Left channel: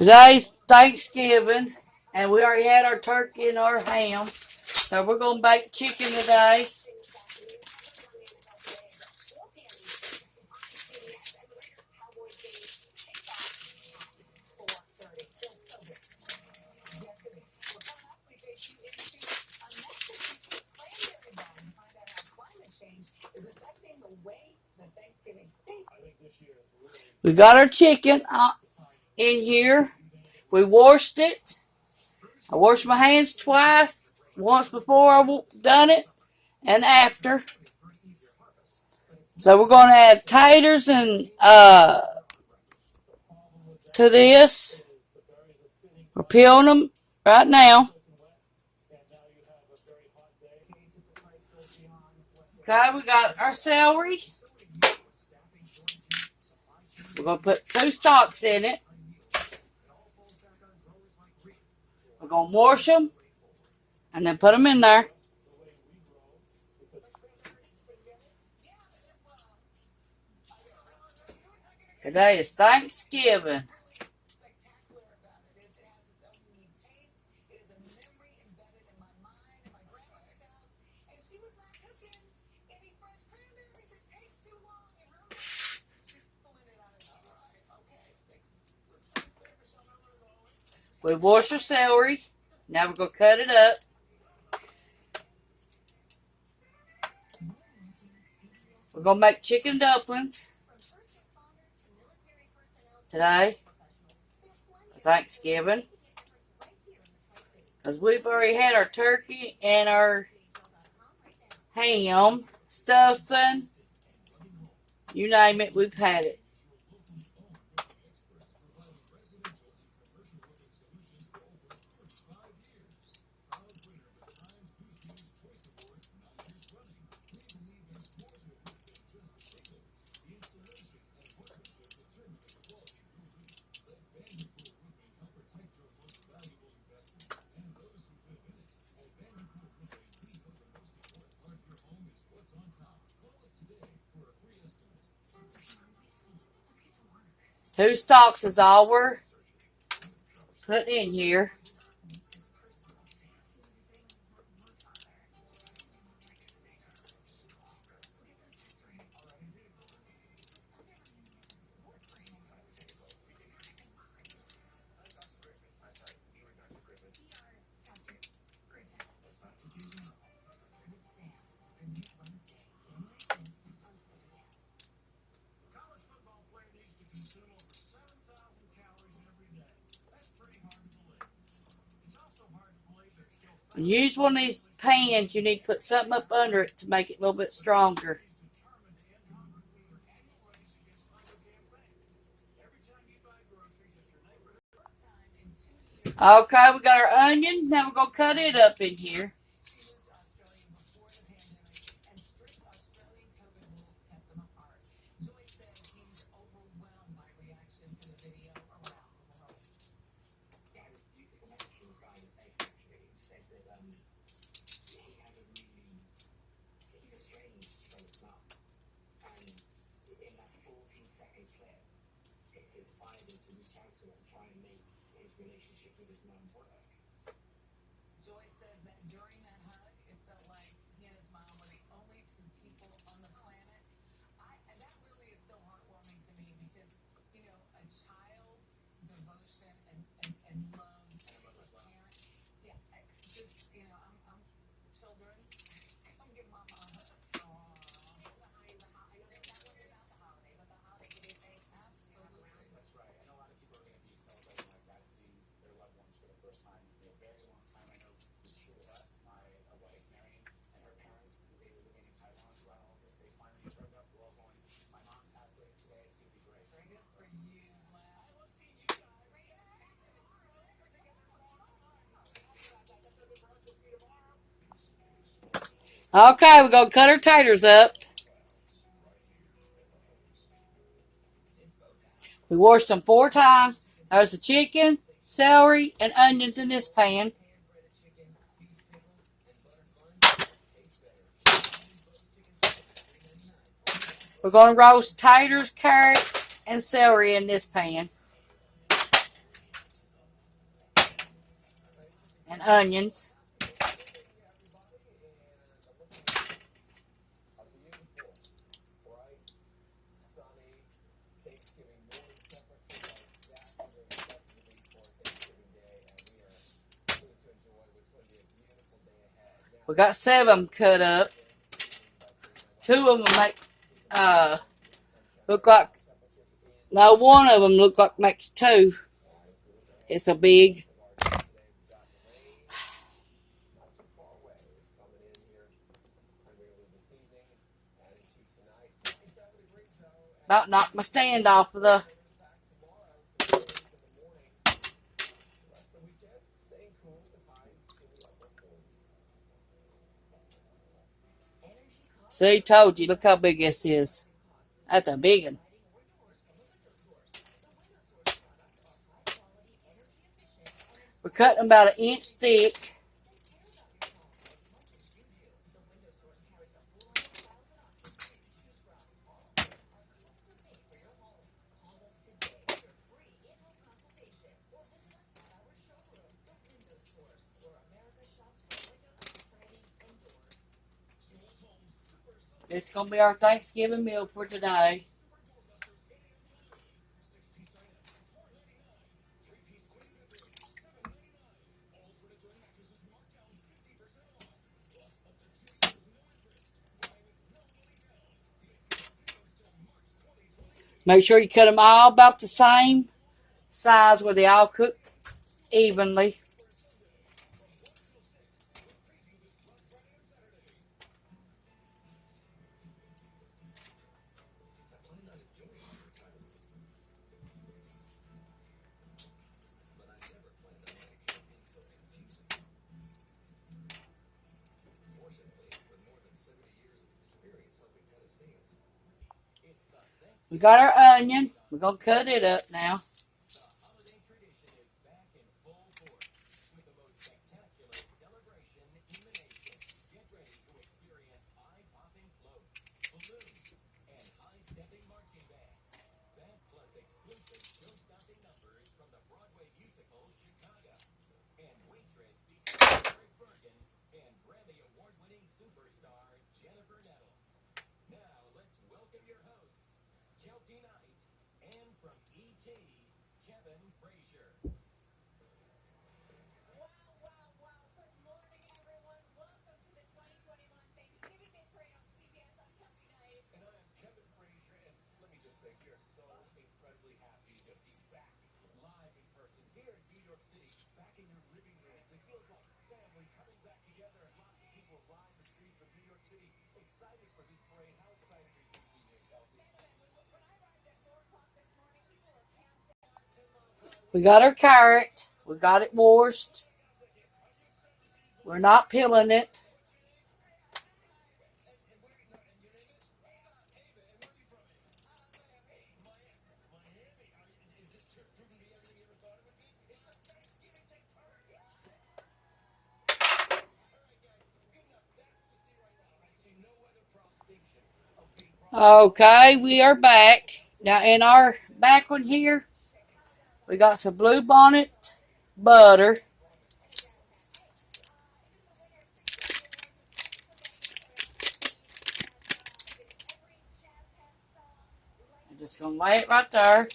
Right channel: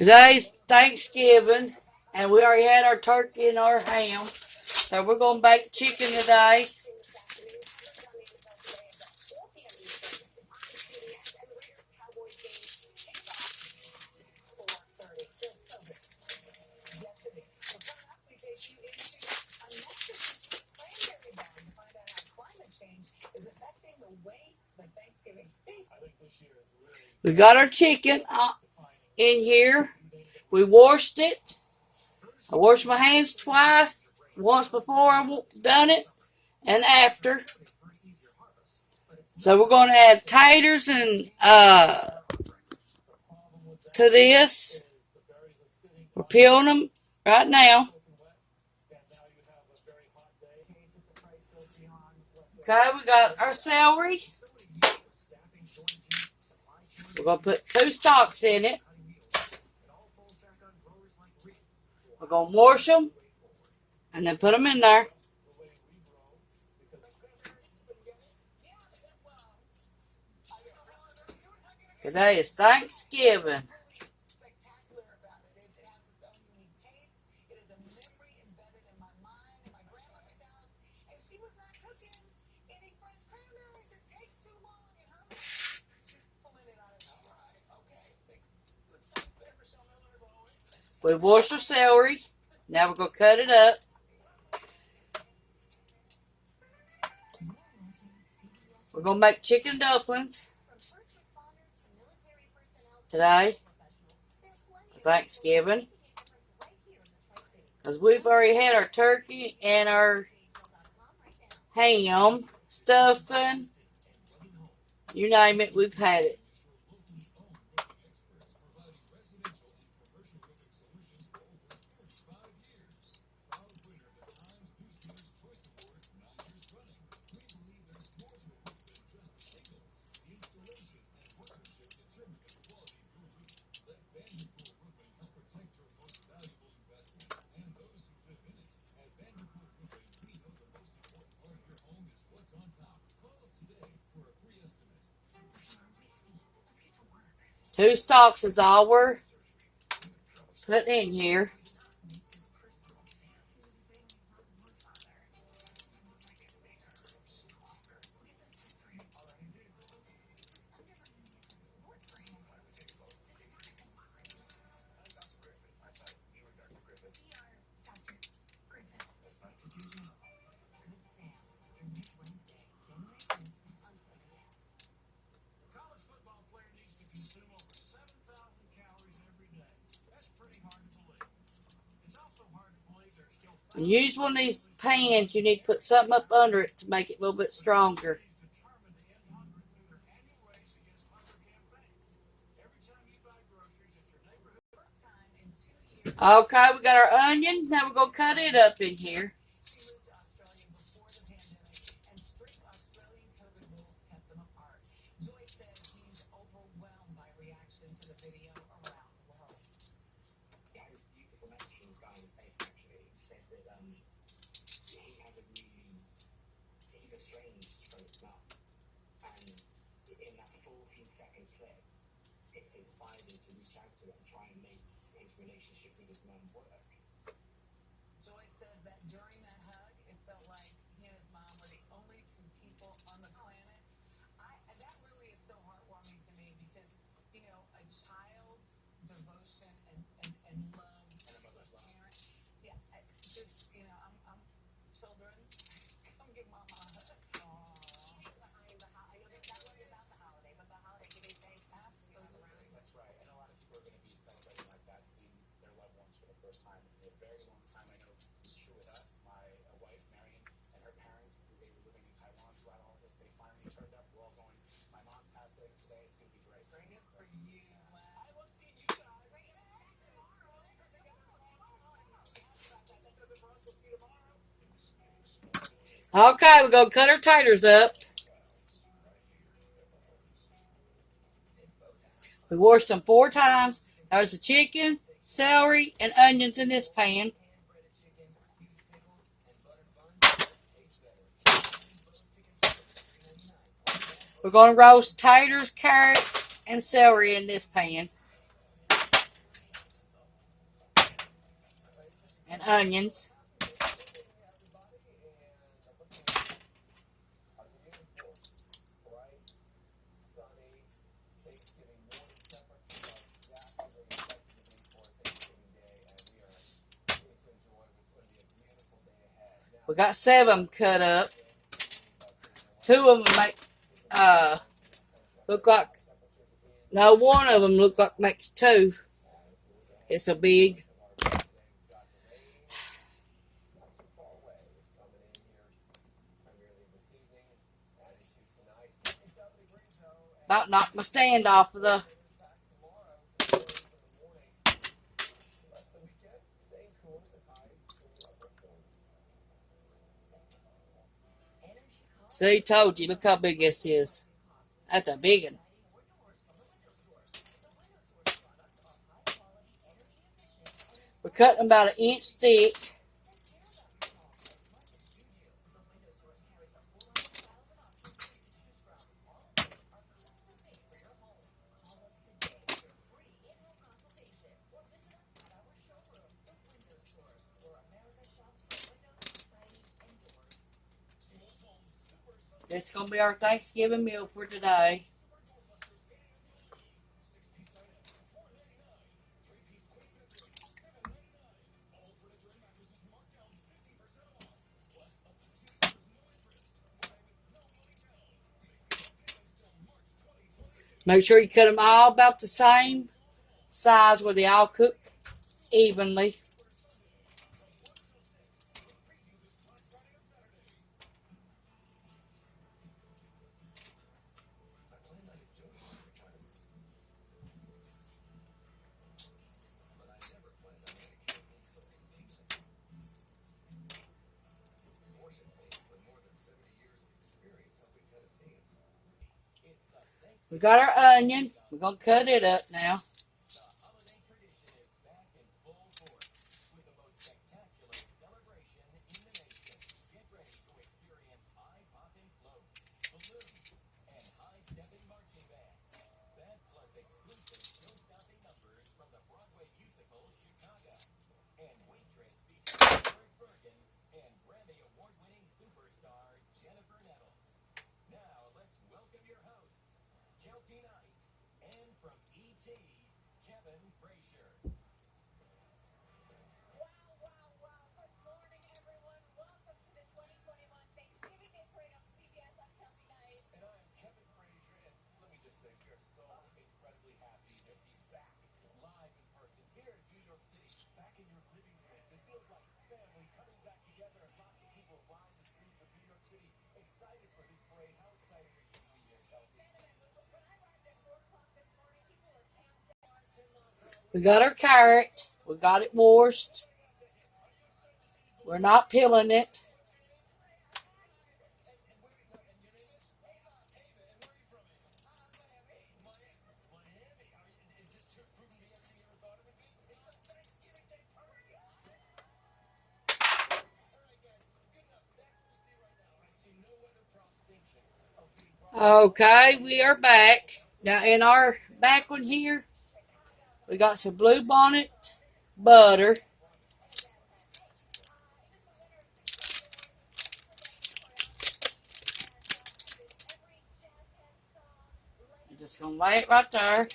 Today's Thanksgiving, and we already had our turkey and our ham. So we're going to bake chicken today. We got our chicken in here. We washed it. I washed my hands twice. Once before I done it and after. So we're going to add taters and to this. We're peeling them right now. Okay, we got our celery. We're going to put 2 stalks in it. We're going to wash them and then put them in there. Today is Thanksgiving. We washed our celery. Now we're going to cut it up. We're going to make chicken dumplings today for Thanksgiving. Because we've already had our turkey and our ham, stuffing, you name it, we've had it. Two stalks is all we're putting in here. When you use one of these pans, you need to put something up under it to make it a little bit stronger. Okay, we got our onion. Now we're going to cut it up in here. Okay, we're going to cut our taters up. We washed them 4 times. There's the chicken, celery, and onions in this pan. We're going to roast taters, carrots, and celery in this pan. and onions. We got 7 cut up. 2 of them look like, no, 1 of them look like makes 2. It's so big. About knocked my stand off of the. See, told you. Look how big this is. That's a big one. We're cutting about 1 inch thick. This is going to be our Thanksgiving meal for today. Make sure you cut them all about the same size where they all cook evenly. We got our onion. We're going to cut it up now. We got our carrot. We got it washed. We're not peeling it. Okay, we are back. Now in our back one here, we got some Blue Bonnet butter. I'm just going to lay it right there.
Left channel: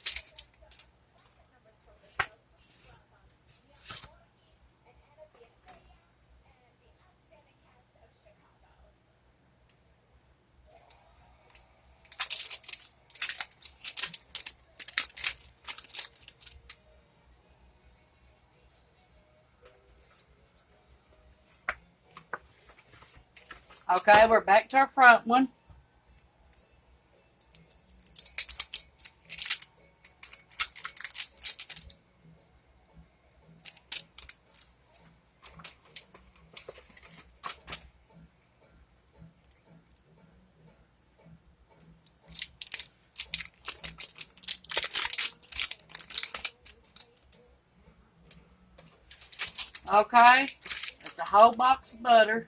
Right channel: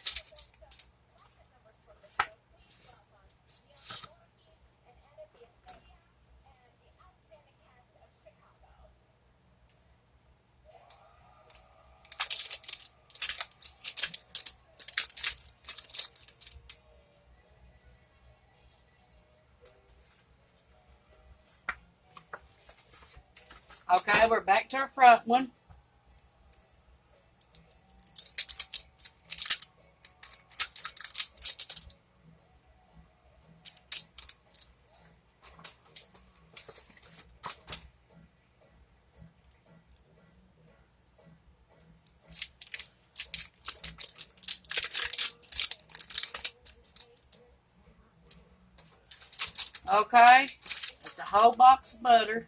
Okay, we're back to our front one. Okay, that's a whole box of butter.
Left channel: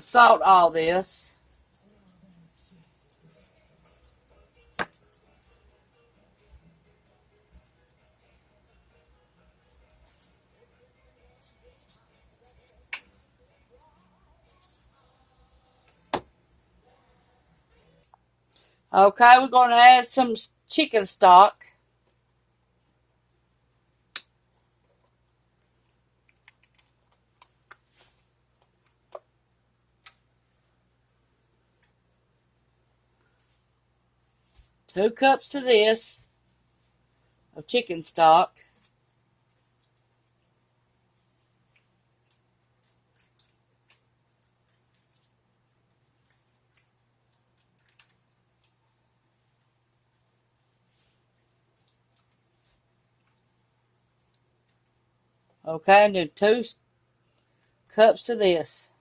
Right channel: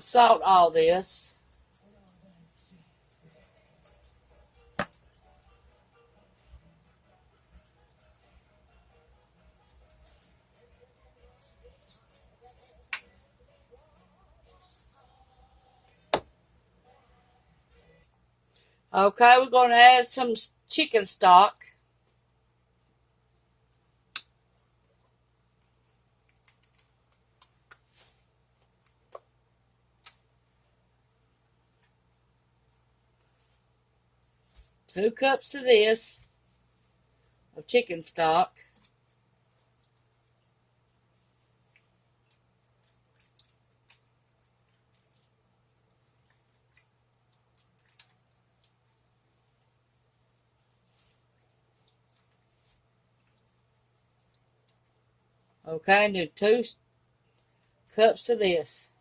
salt all this. Okay, we're going to add some chicken stock. Two cups to this of chicken stock. Okay, and then 2 cups to this.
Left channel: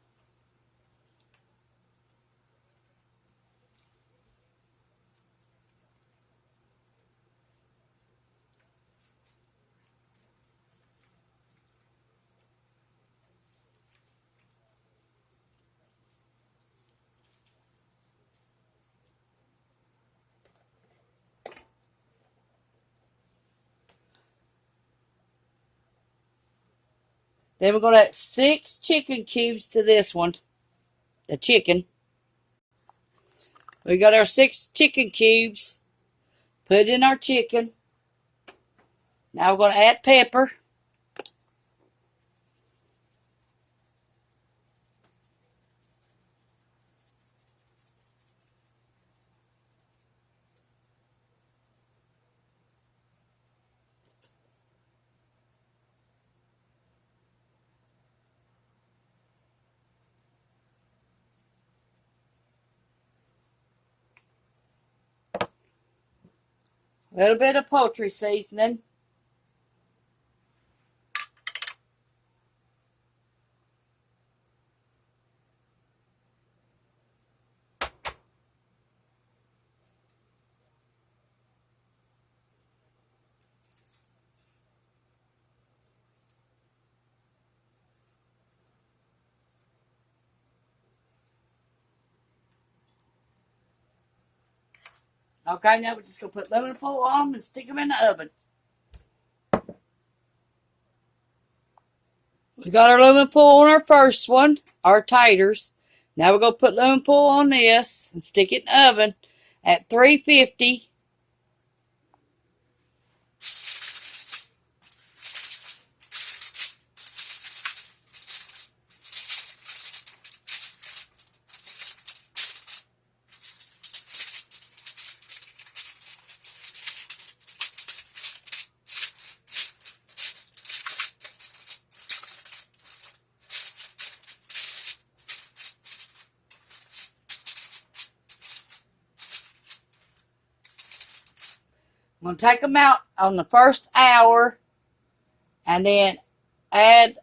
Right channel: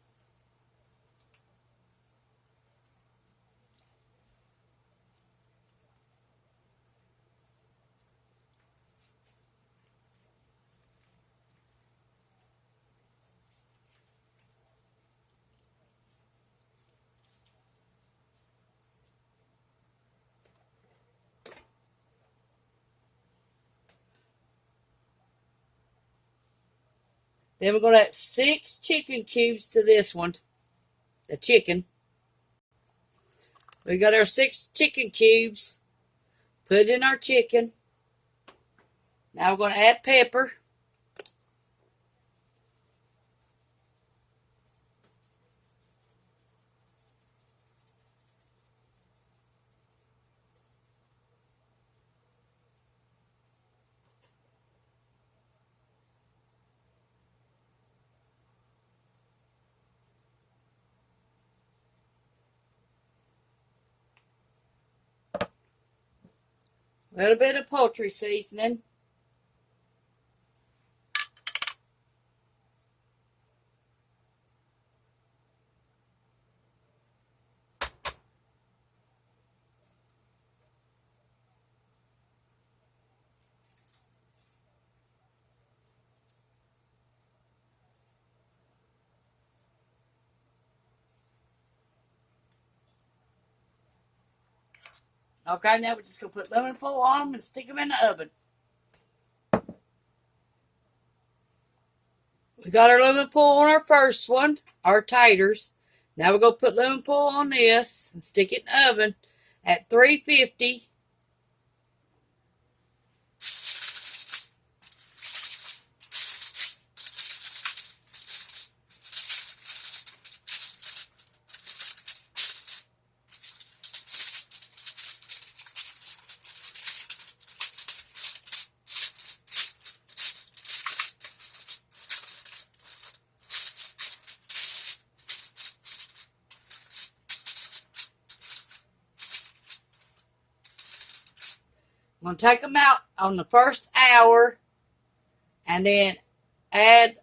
Then we're going to add 6 chicken cubes to this one. The chicken. We got our 6 chicken cubes. Put it in our chicken. Now we're going to add pepper. A little bit of poultry seasoning. Okay, now we're just going to put lemon foil on them and stick them in the oven. We got our lemon foil on our first one, our taters. Now we're going to put lemon foil on this and stick it in the oven at 350. I'm going to take them out on the first hour and then add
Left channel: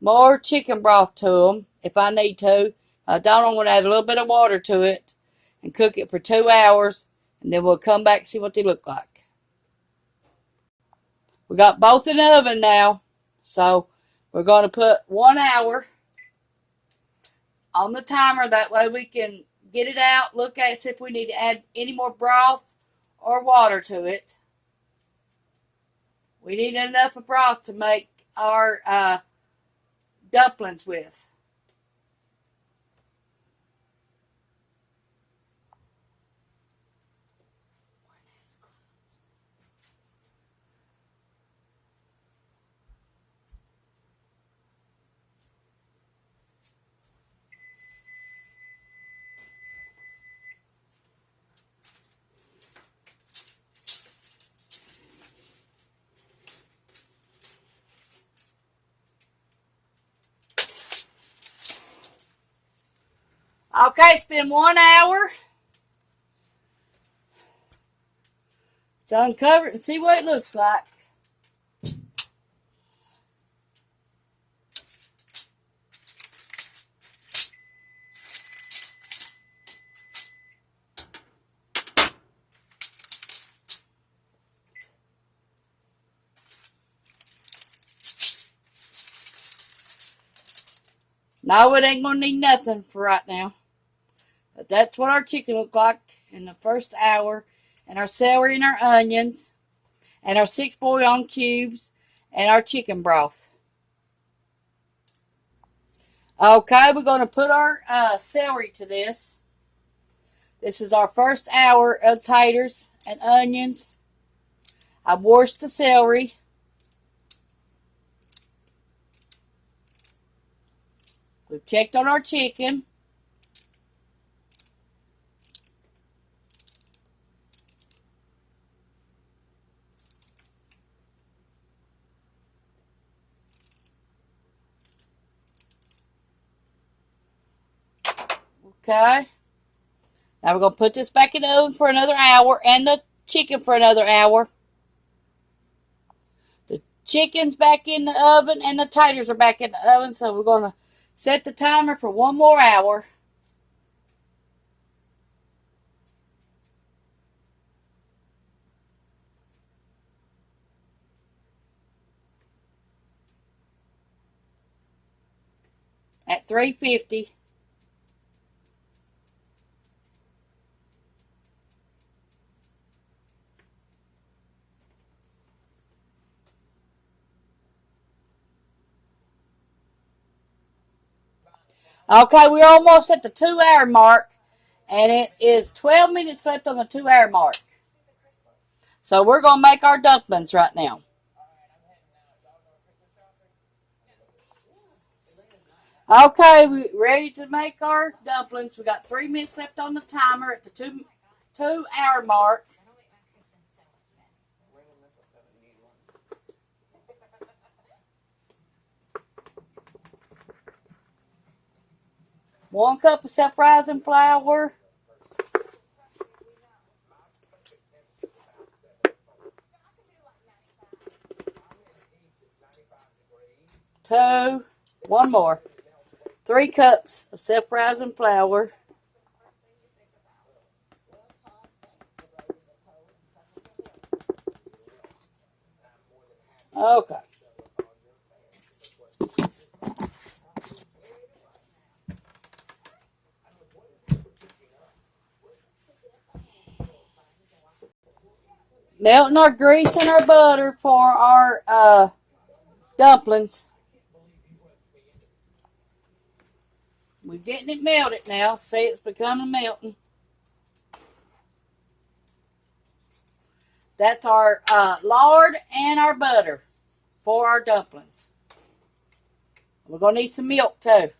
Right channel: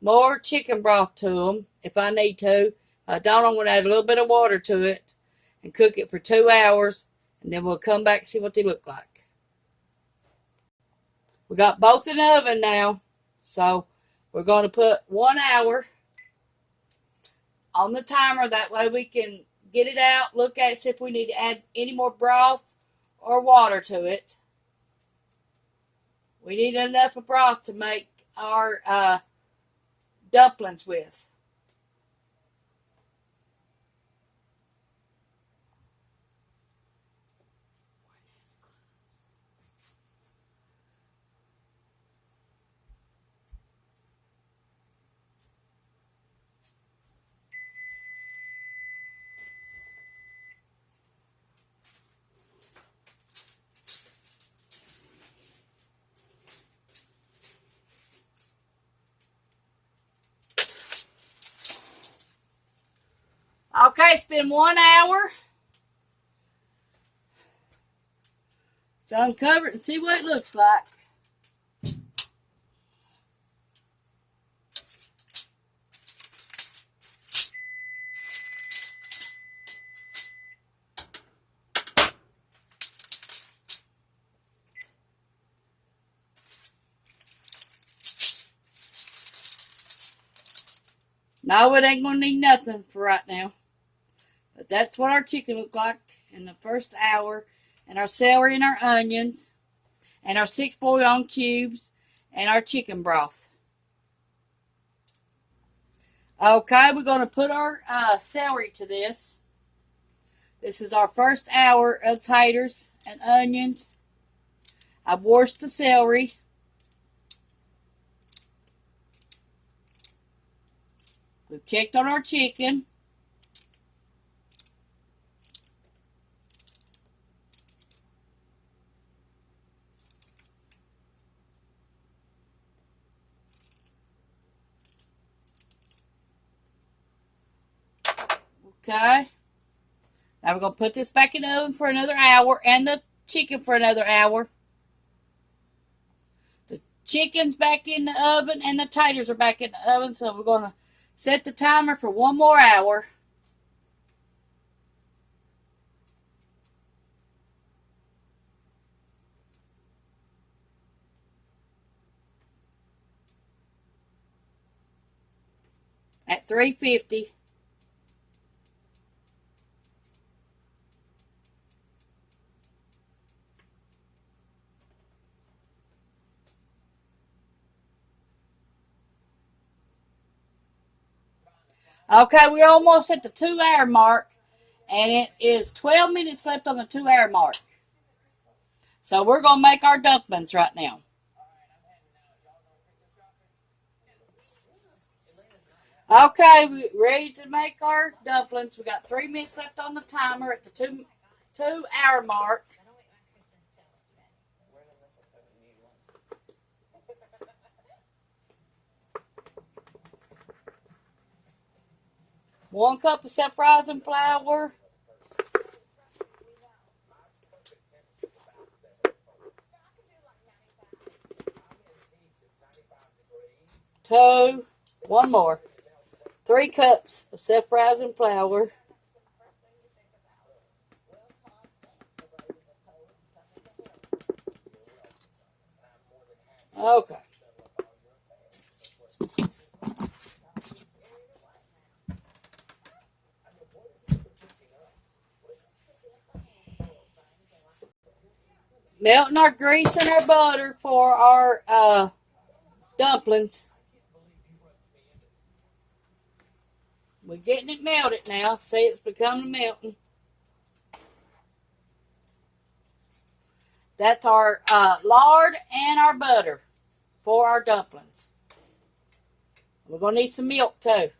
more chicken broth to them if I need to. I don't, I'm going to add a little bit of water to it and cook it for 2 hours, and then we'll come back and see what they look like. We got both in the oven now, so we're going to put 1 hour on the timer. That way we can get it out, look at it, see if we need to add any more broth or water to it. We need enough of broth to make our dumplings with. Okay, it's been 1 hour. Let's uncover it and see what it looks like. No, it ain't gonna need nothing for right now. But that's what our chicken looked like in the first hour. And our celery and our onions. And our 6 bouillon cubes. And our chicken broth. Okay, we're going to put our celery to this. This is our first hour of taters and onions. I've washed the celery. We've checked on our chicken. Okay. Now we're going to put this back in the oven for another hour and the chicken for another hour. The chicken's back in the oven and the taters are back in the oven, so we're going to set the timer for one more hour. At 350. Okay, we're almost at the 2-hour mark, and it is 12 minutes left on the 2-hour mark. So we're going to make our dumplings right now. Okay, we're ready to make our dumplings. We got 3 minutes left on the timer at the 2-hour mark. One cup of self-rising flour. 2, one more. 3 cups of self-rising flour. Okay. Melting our grease and our butter for our dumplings. We're getting it melted now. See, it's becoming melting. That's our lard and our butter for our dumplings. We're going to need some milk too.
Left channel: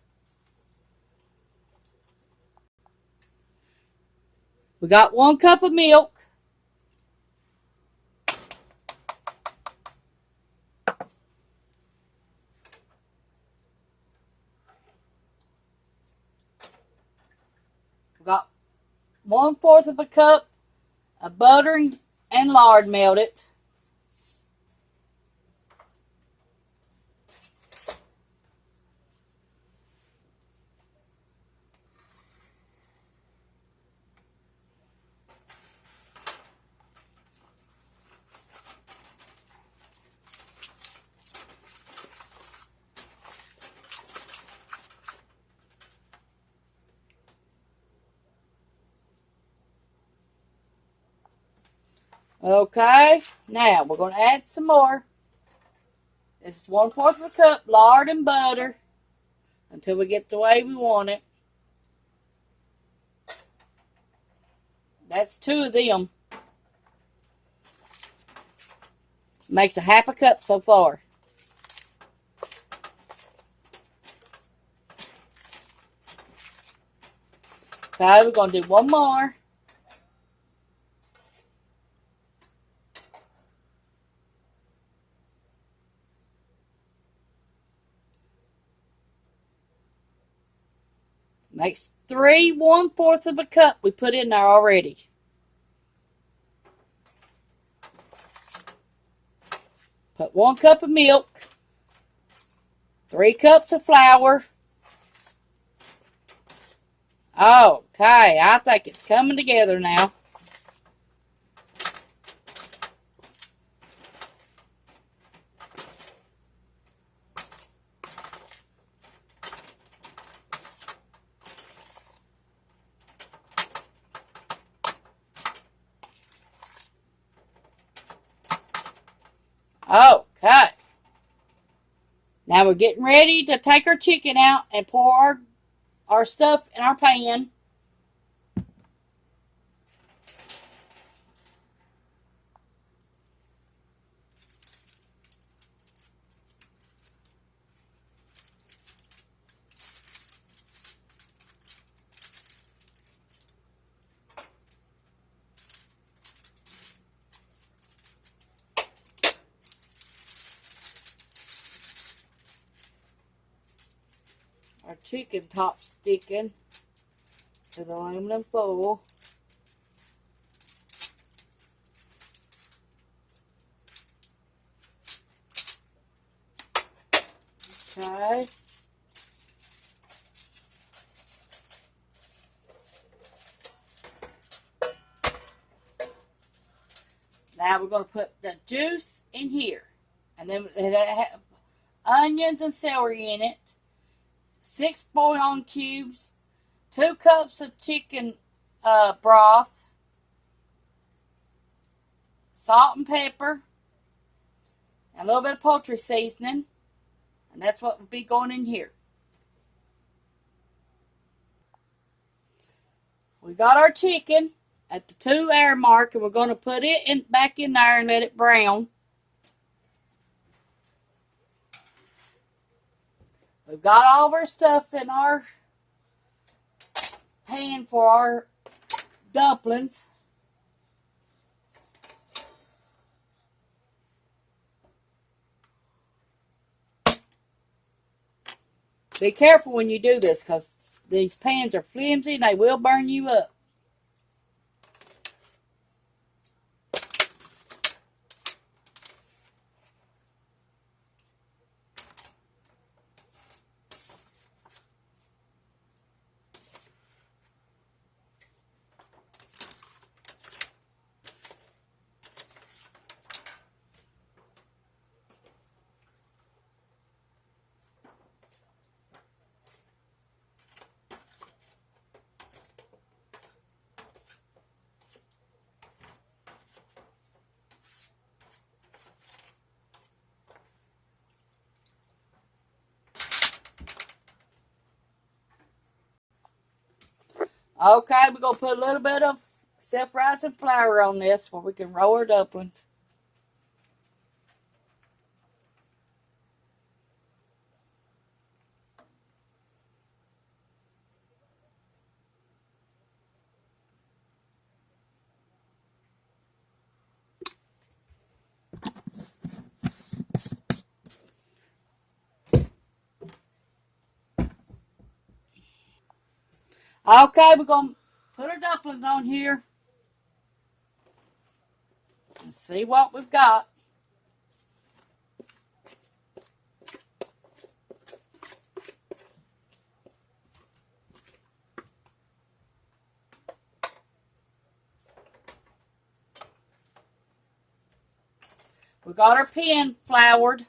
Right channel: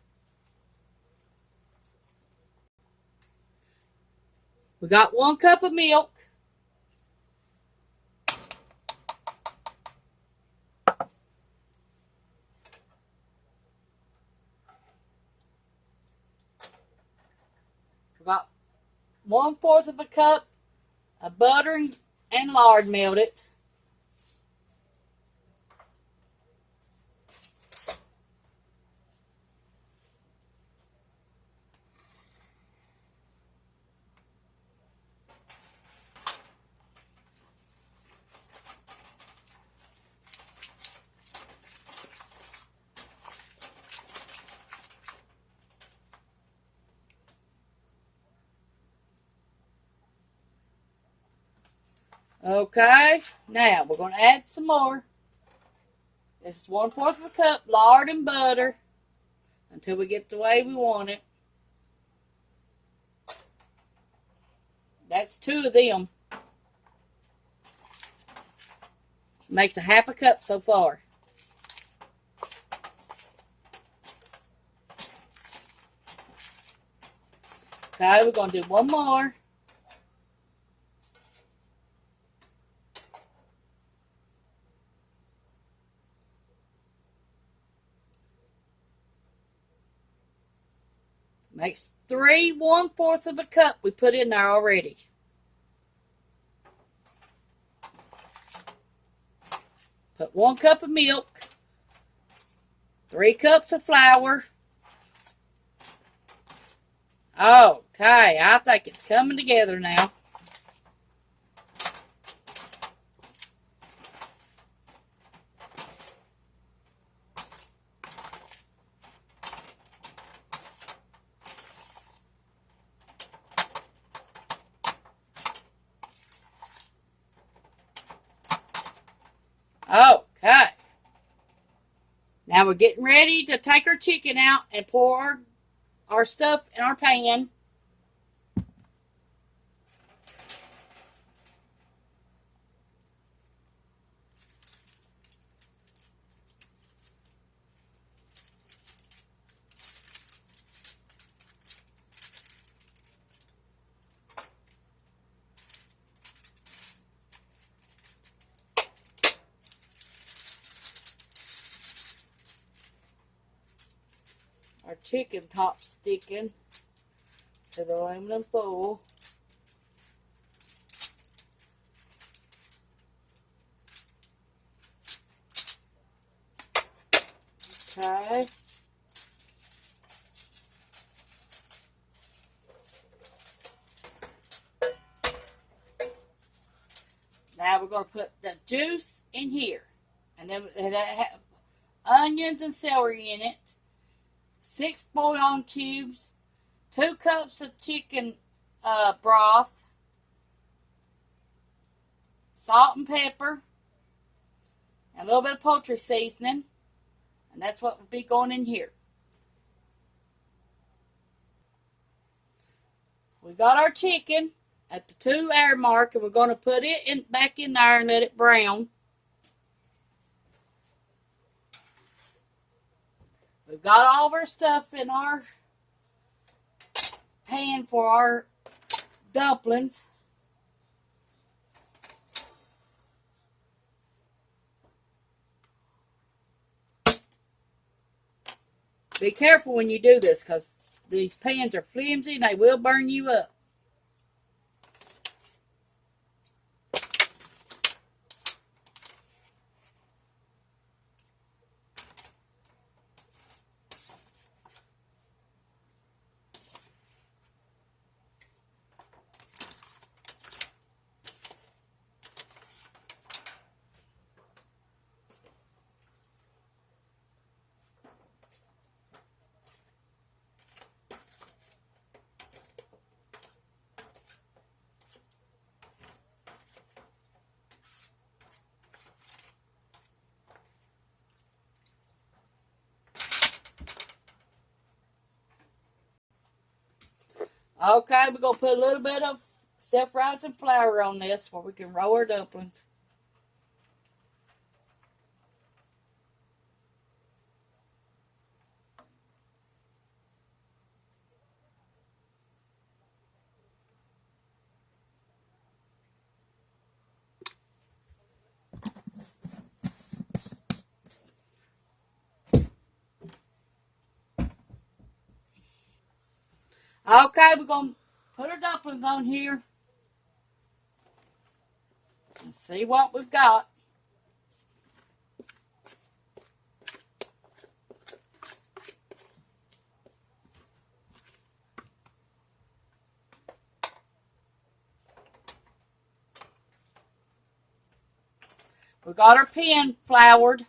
We got 1 cup of milk. We got 1/4 of a cup of butter and lard melted. Okay, now we're going to add some more. This is 1/4 of a cup lard and butter until we get the way we want it. That's 2 of them. Makes a 1/2 a cup so far. Okay, we're going to do 1 more. Makes 3 1/4 of a cup we put in there already. Put 1 cup of milk, 3 cups of flour. Okay, I think it's coming together now. Okay. Now we're getting ready to take our chicken out and pour our stuff in our pan. Our chicken top sticking to the aluminum foil. Okay. Now we're going to put the juice in here. And then it have onions and celery in it. 6 bouillon cubes. 2 cups of chicken broth. Salt and pepper. And a little bit of poultry seasoning. And that's what will be going in here. We got our chicken at the 2-hour mark, and we're going to put it back in there and let it brown. We've got all of our stuff in our pan for our dumplings. Be careful when you do this, because these pans are flimsy and they will burn you up. Okay, we're going to put a little bit of self-rising flour on this where we can roll our dumplings. Okay, we're going to put our dumplings on here and see what we've got. We got our pan floured.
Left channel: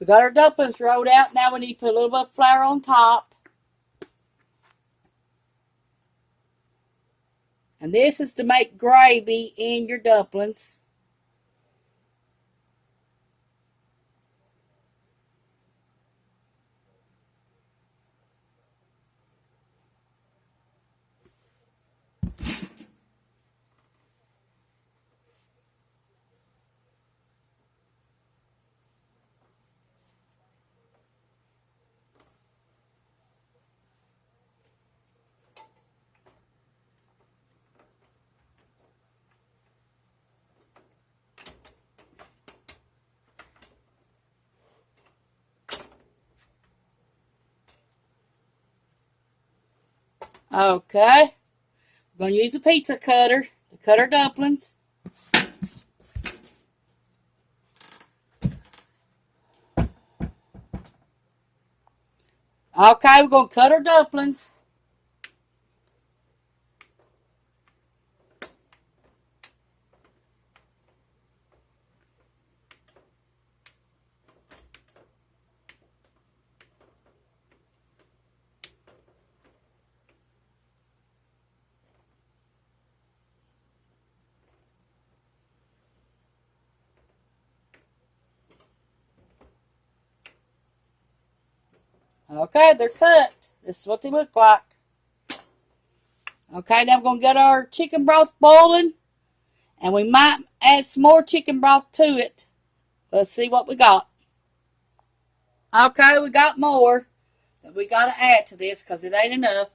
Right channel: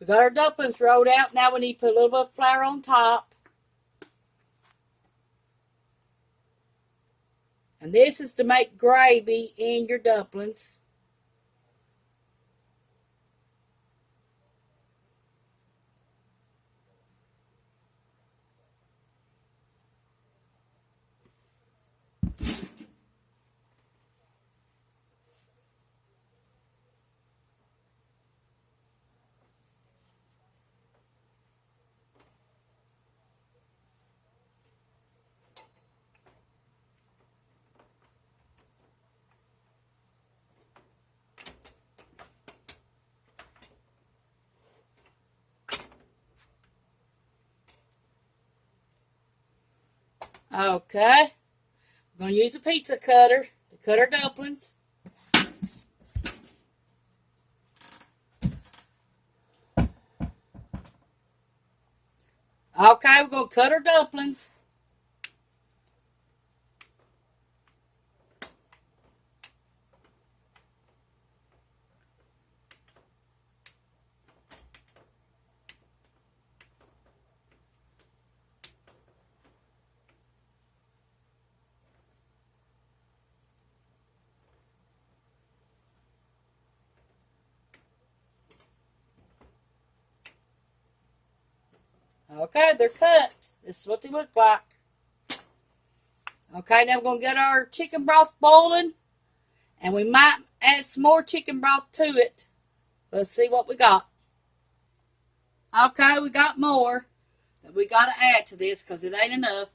We got our dumplings rolled out. Now we need to put a little bit of flour on top. And this is to make gravy in your dumplings. Okay. We're going to use a pizza cutter to cut our dumplings. Okay, we're going to cut our dumplings. Okay, they're cut. This is what they look like. Okay, now we're going to get our chicken broth boiling. And we might add some more chicken broth to it. Let's see what we got. Okay, we got more that we got to add to this because it ain't enough.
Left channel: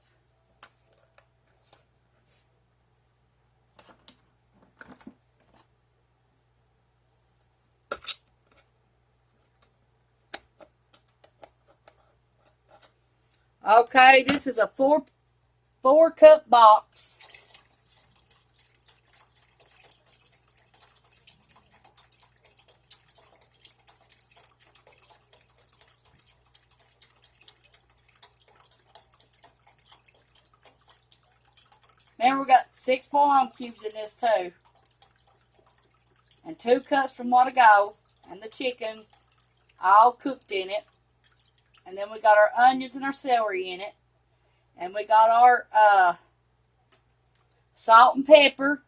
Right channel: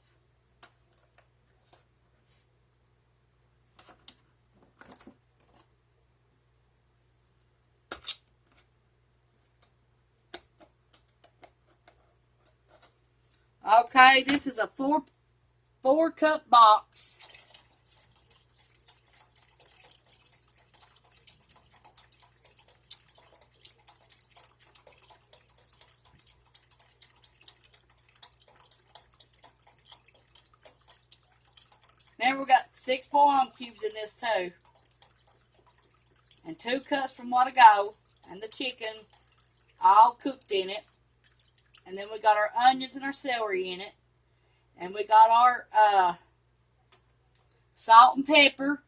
Okay, this is a four cup box. Remember, we got 6 palm cubes in this too. And 2 cups from what ago. And the chicken all cooked in it. And then we got our onions and our celery in it. And we got our salt and pepper.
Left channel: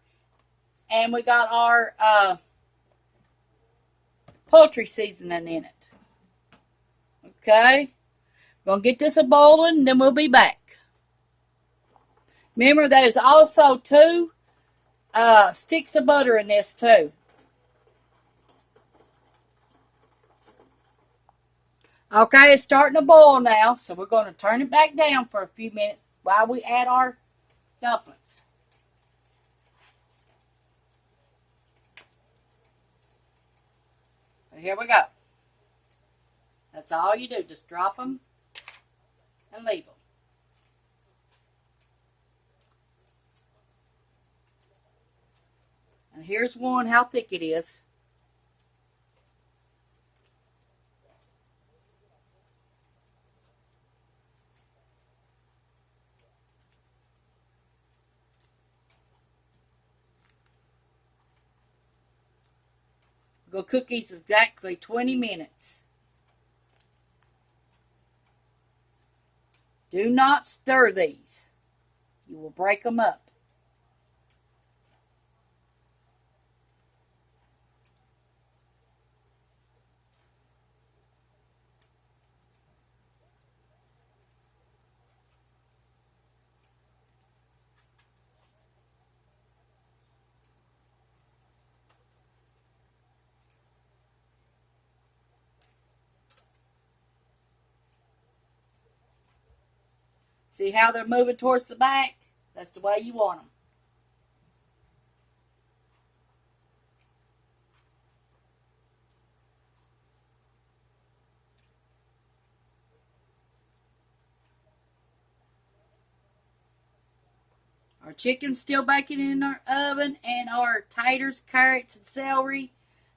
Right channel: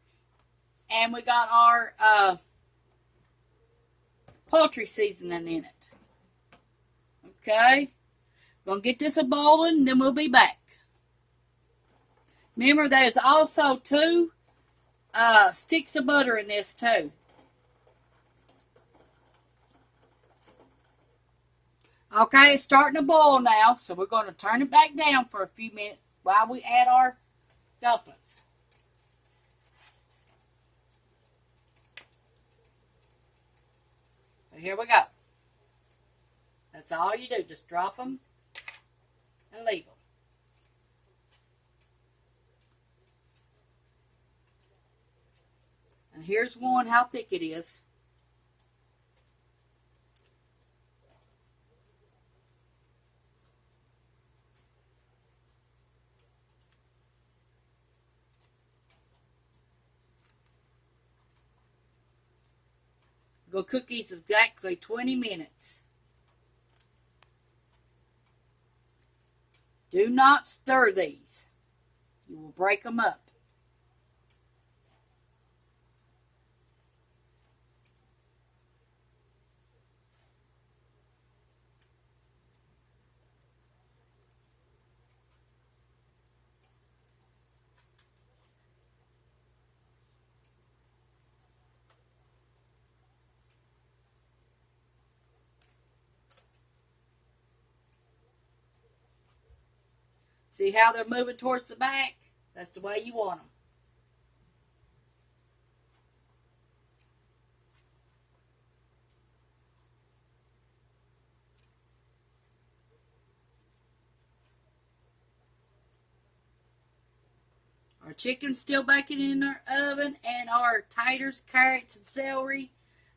And we got our poultry seasoning in it. Okay. Gonna get this a boiling, and then we'll be back. Remember, there's also 2 sticks of butter in this too. Okay, it's starting to boil now, so we're going to turn it back down for a few minutes while we add our dumplings. So here we go. That's all you do, just drop them and leave them. And here's one, how thick it is. We'll cook these exactly 20 minutes. Do not stir these. You will break them up. See how they're moving towards the back? That's the way you want them. Our chicken's still baking in our oven, and our taters, carrots, and celery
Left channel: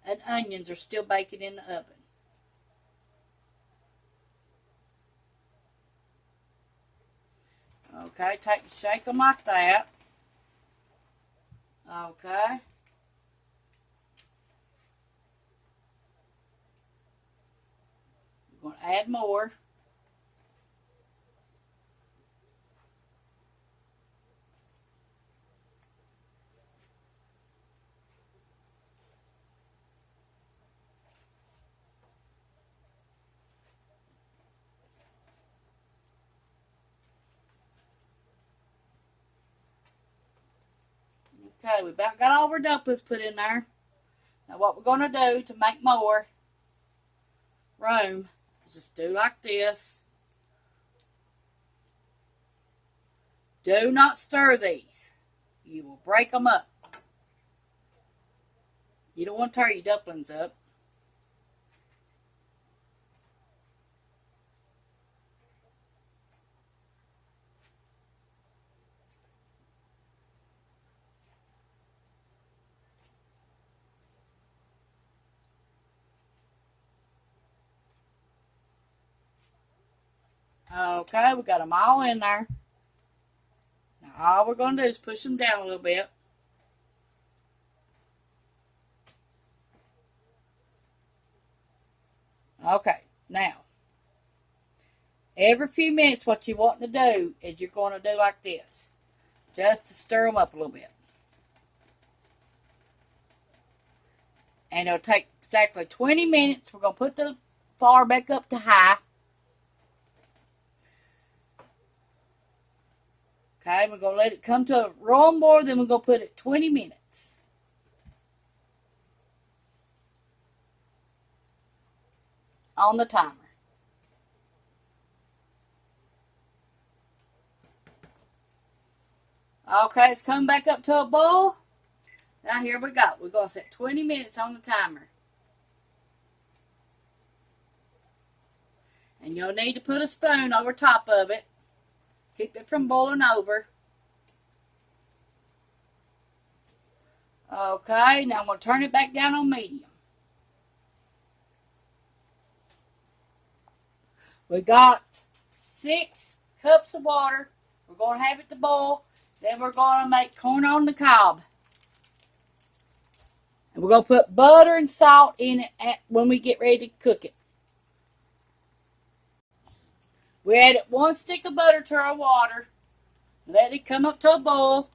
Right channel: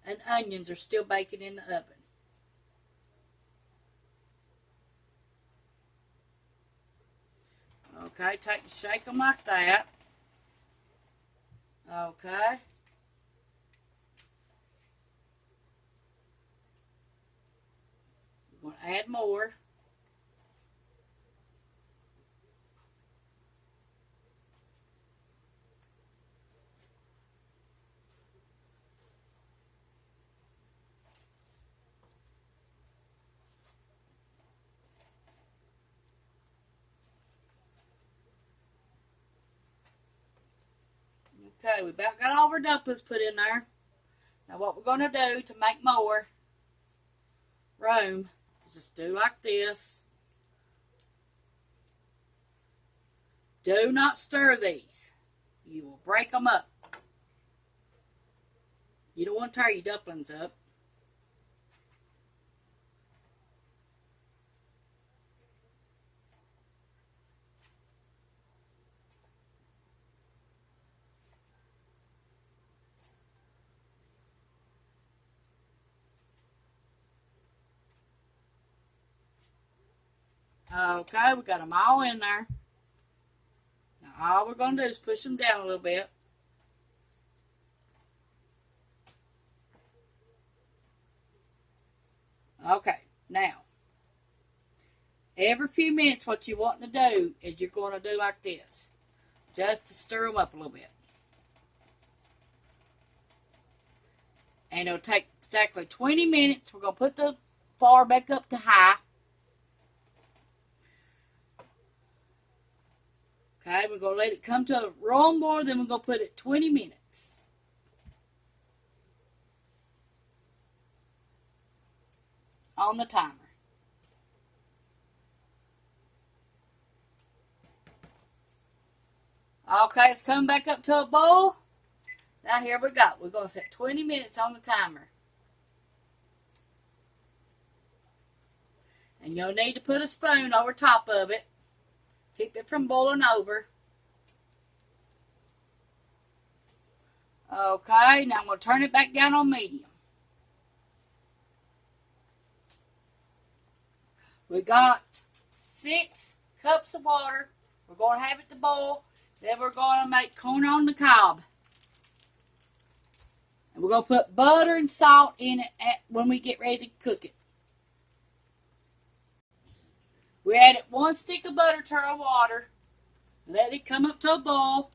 and onions are still baking in the oven. Okay, shake them like that. Okay. We're going to add more. Okay, we about got all our dumplings put in there. Now what we're going to do to make more room is just do like this. Do not stir these. You will break them up. You don't want to tear your dumplings up. Okay, we got them all in there. Now all we're going to do is push them down a little bit. Okay, now, every few minutes what you want to do is you're going to do like this. Just to stir them up a little bit. And it'll take exactly 20 minutes. We're going to put the fire back up to high. Okay, we're going to let it come to a roaring boil. Then we're going to put it 20 minutes. On the timer. Okay, it's coming back up to a boil. Now here we go. We're going to set 20 minutes on the timer. And you'll need to put a spoon over top of it. Keep it from boiling over. Okay, now I'm going to turn it back down on medium. We got 6 cups of water. We're going to have it to boil. Then we're going to make corn on the cob. And we're going to put butter and salt in it when we get ready to cook it. We added 1 stick of butter to our water. Let it come up to a boil.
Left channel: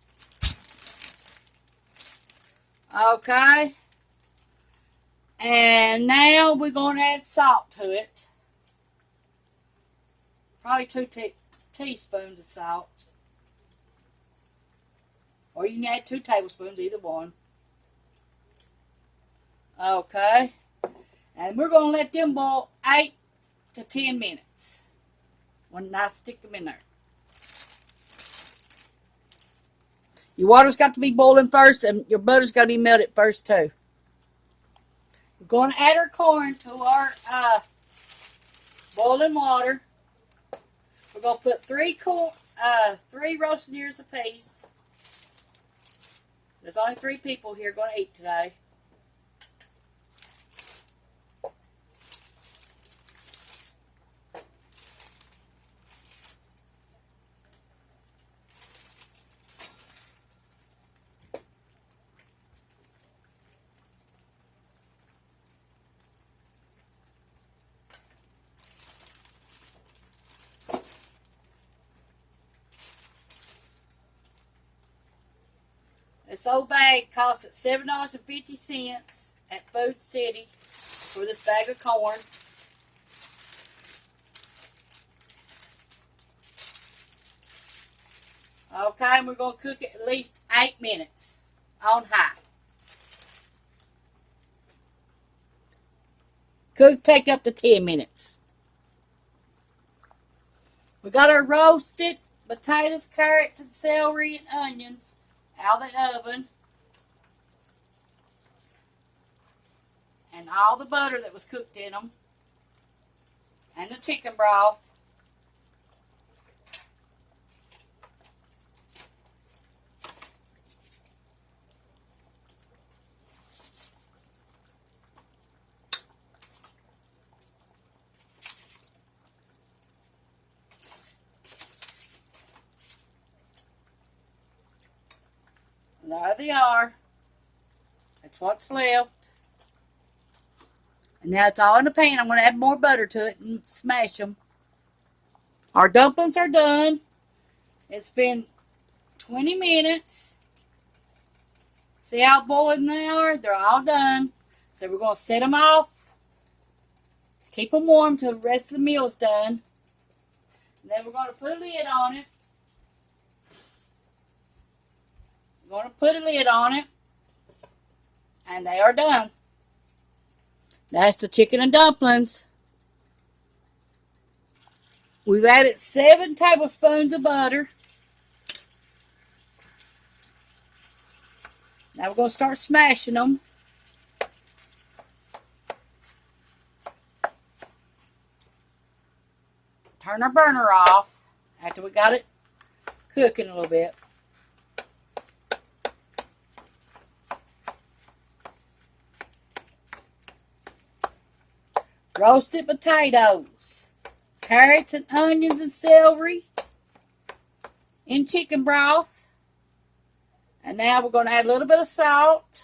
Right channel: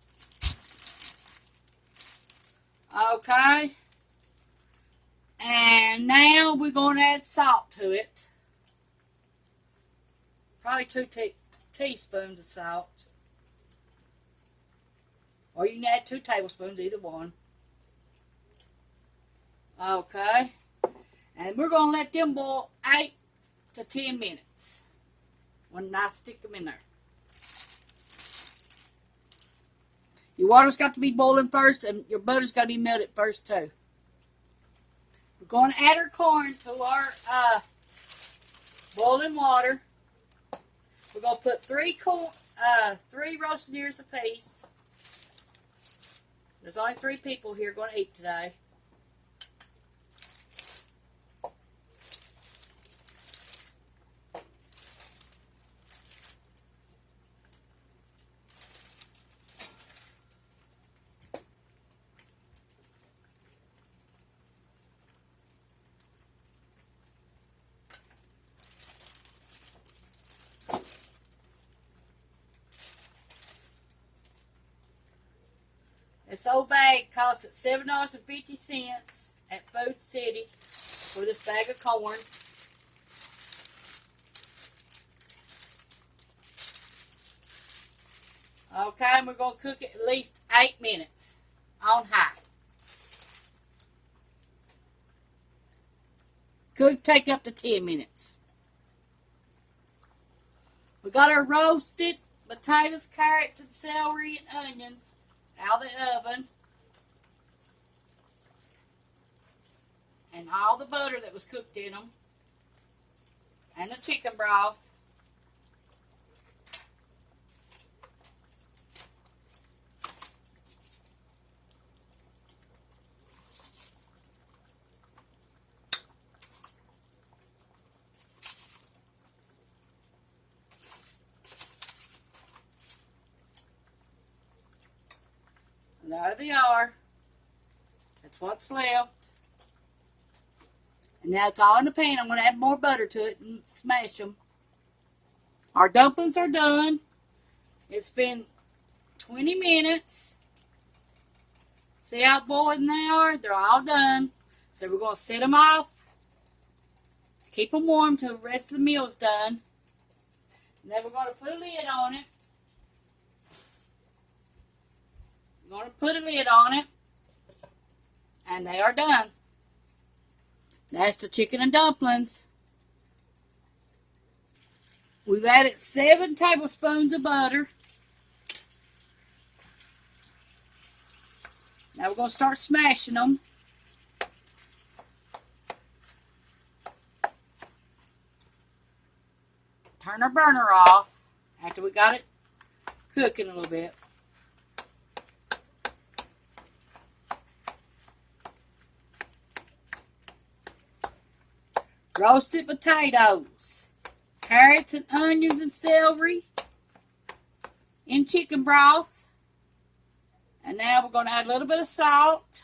Okay. And now we're going to add salt to it. Probably 2 teaspoons of salt. Or you can add 2 tablespoons, either one. Okay. And we're going to let them boil 8 to 10 minutes. When I stick them in there. Your water's got to be boiling first, and your butter's got to be melted first, too. We're going to add our corn to our boiling water. We're going to put 3 roasted ears apiece. There's only 3 people here going to eat today. This old bag cost at $7.50 at Food City for this bag of corn. Okay, and we're going to cook it at least 8 minutes on high. Could take up to 10 minutes. We got our roasted potatoes, carrots, and celery and onions out of the oven. And all the butter that was cooked in them. And the chicken broth. There they are. That's what's left. And now it's all in the pan. I'm going to add more butter to it and smash them. Our dumplings are done. It's been 20 minutes. See how boiling they are? They're all done. So we're going to set them off. Keep them warm till the rest of the meal's done. And then we're going to put a lid on it. We're going to put a lid on it. And they are done. That's the chicken and dumplings. We've added 7 tablespoons of butter. Now we're going to start smashing them. Turn our burner off after we got it cooking a little bit. Roasted potatoes. carrots and onions and celery in chicken broth. And now we're going to add a little bit of salt.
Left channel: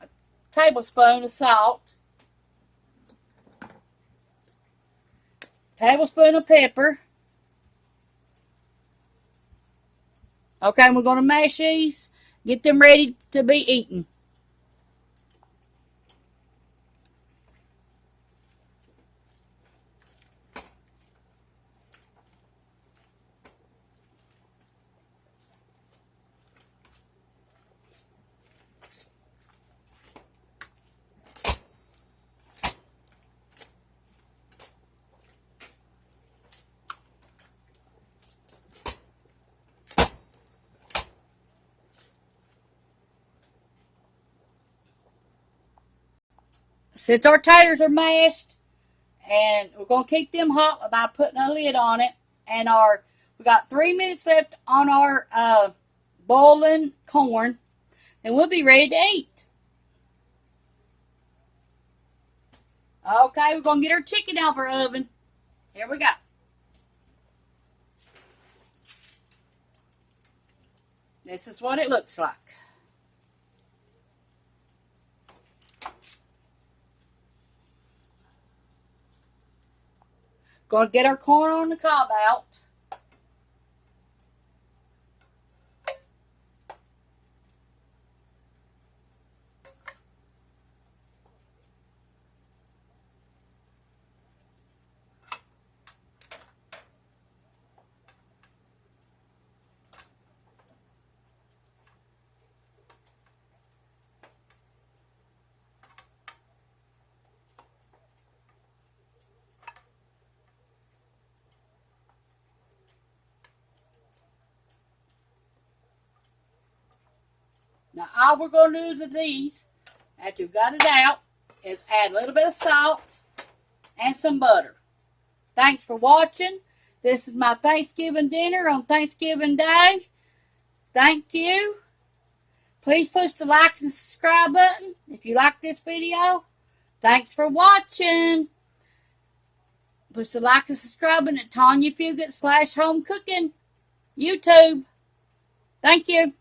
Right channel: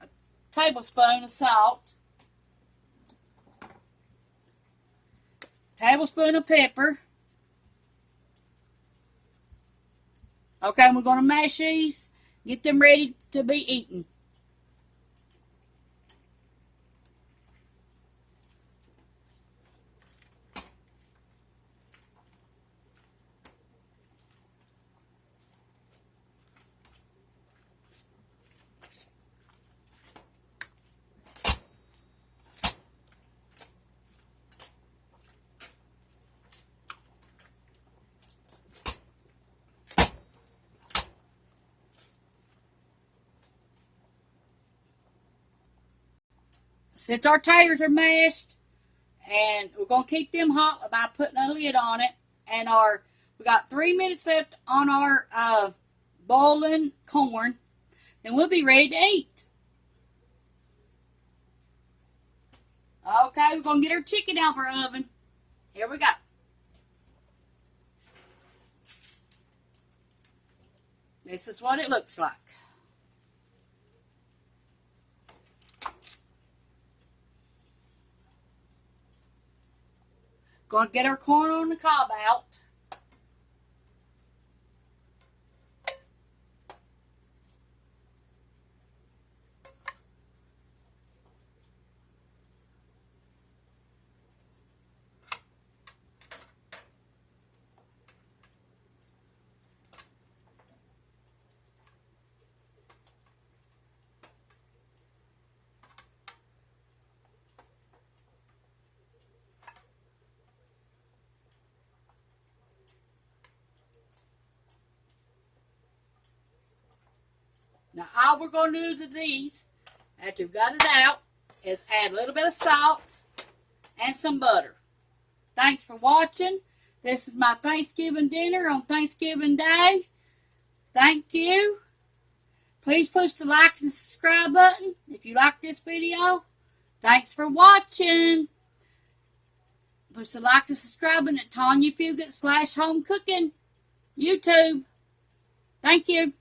A tablespoon of salt. Tablespoon of pepper. Okay, and we're going to mash these. Get them ready to be eaten. Since our taters are mashed, and we're going to keep them hot by putting a lid on it, and we got 3 minutes left on our boiling corn, and we'll be ready to eat. Okay, we're going to get our chicken out of our oven. Here we go. This is what it looks like. Going to get our corn on the cob out. Now, all we're going to do to these, after we've got it out, is add a little bit of salt and some butter. Thanks for watching. This is my Thanksgiving dinner on Thanksgiving Day. Thank you. Please push the like and subscribe button if you like this video. Thanks for watching. Push the like and subscribe button at Tawynia Fugate /Home Cooking YouTube. Thank you.